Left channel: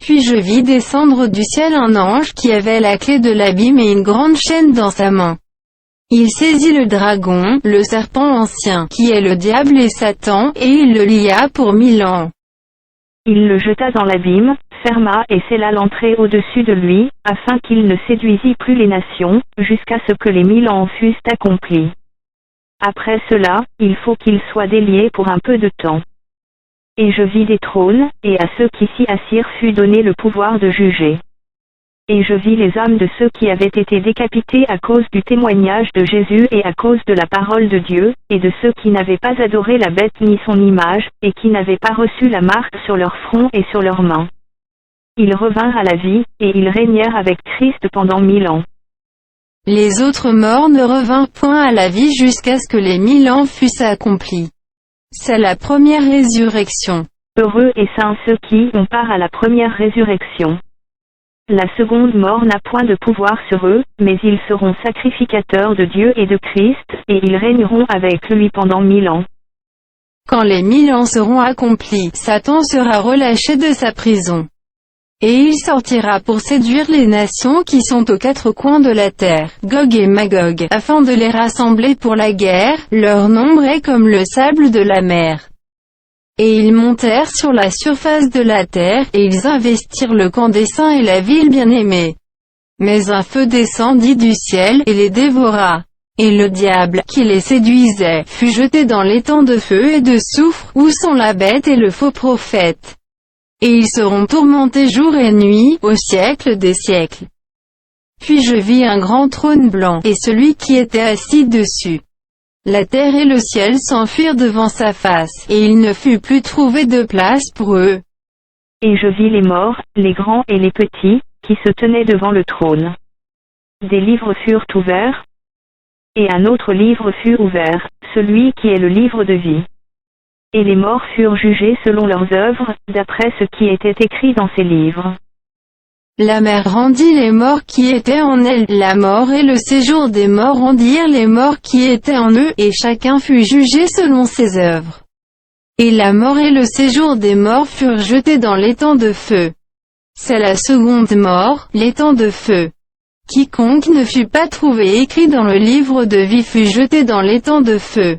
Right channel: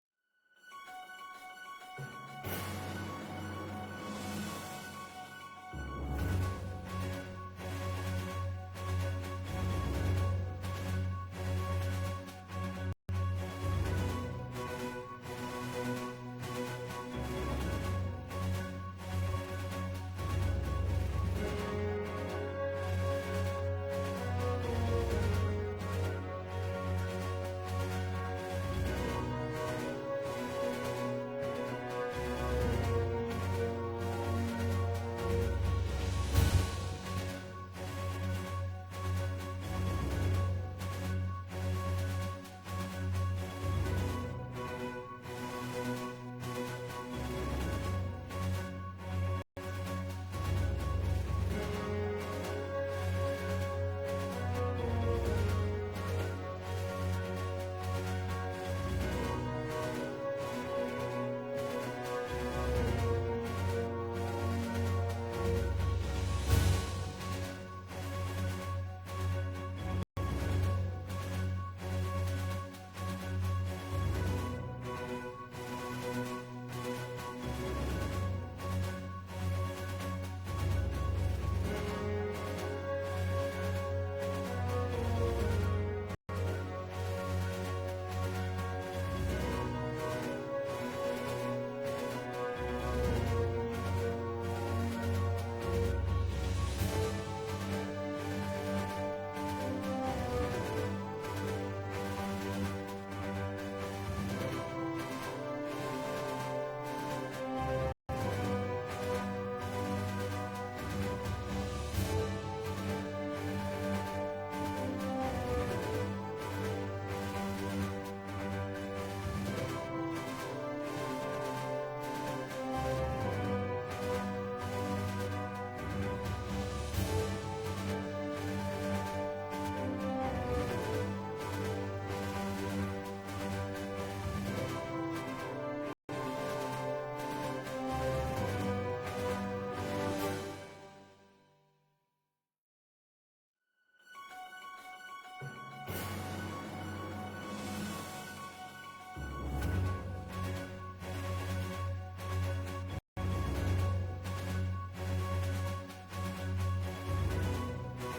Puis je vis descendre du ciel un ange qui avait la clé de l'abîme et une grande chaîne dans sa main. Il saisit le dragon, le serpent ancien, qui est le diable et Satan, et il le lia pour 1000 ans. Il le jeta dans l'abîme, ferma et scella l'entrée au-dessus de lui, afin qu'il ne séduisît plus les nations, jusqu'à ce que les 1000 ans fussent accomplis. Après cela, il faut qu'il soit délié pour un peu de temps. Et je vis des trônes, et à ceux qui s'y assirent fut donné le pouvoir de juger. Et je vis les âmes de ceux qui avaient été décapités à cause du témoignage de Jésus et à cause de la parole de Dieu, et de ceux qui n'avaient pas adoré la bête ni son image, et qui n'avaient pas reçu la marque sur leur front et sur leurs mains. Ils revinrent à la vie, et ils régnèrent avec Christ pendant 1000 ans. Les autres morts ne revinrent point à la vie jusqu'à ce que les 1000 ans fussent accomplis. C'est la première résurrection. Heureux et saints ceux qui ont part à la première résurrection. La seconde mort n'a point de pouvoir sur eux, mais ils seront sacrificateurs de Dieu et de Christ, et ils régneront avec lui pendant 1000 ans. Quand les 1000 ans seront accomplis, Satan sera relâché de sa prison. Et il sortira pour séduire les nations qui sont aux quatre coins de la terre, Gog et Magog, afin de les rassembler pour la guerre, leur nombre est comme le sable de la mer. Et ils montèrent sur la surface de la terre, et ils investirent le camp des saints et la ville bien-aimée. Mais un feu descendit du ciel, et les dévora. Et le diable, qui les séduisait, fut jeté dans l'étang de feu et de soufre, où sont la bête et le faux prophète. Et ils seront tourmentés jour et nuit, au siècle des siècles. Puis je vis un grand trône blanc, et celui qui était assis dessus. La terre et le ciel s'enfuirent devant sa face, et il ne fut plus trouvé de place pour eux. Et je vis les morts, les grands et les petits, qui se tenaient devant le trône. Des livres furent ouverts, et un autre livre fut ouvert, celui qui est le livre de vie. Et les morts furent jugés selon leurs œuvres, d'après ce qui était écrit dans ces livres. La mer rendit les morts qui étaient en elle, la mort et le séjour des morts rendirent les morts qui étaient en eux, et chacun fut jugé selon ses œuvres. Et la mort et le séjour des morts furent jetés dans l'étang de feu. C'est la seconde mort, l'étang de feu. Quiconque ne fut pas trouvé écrit dans le livre de vie fut jeté dans l'étang de feu.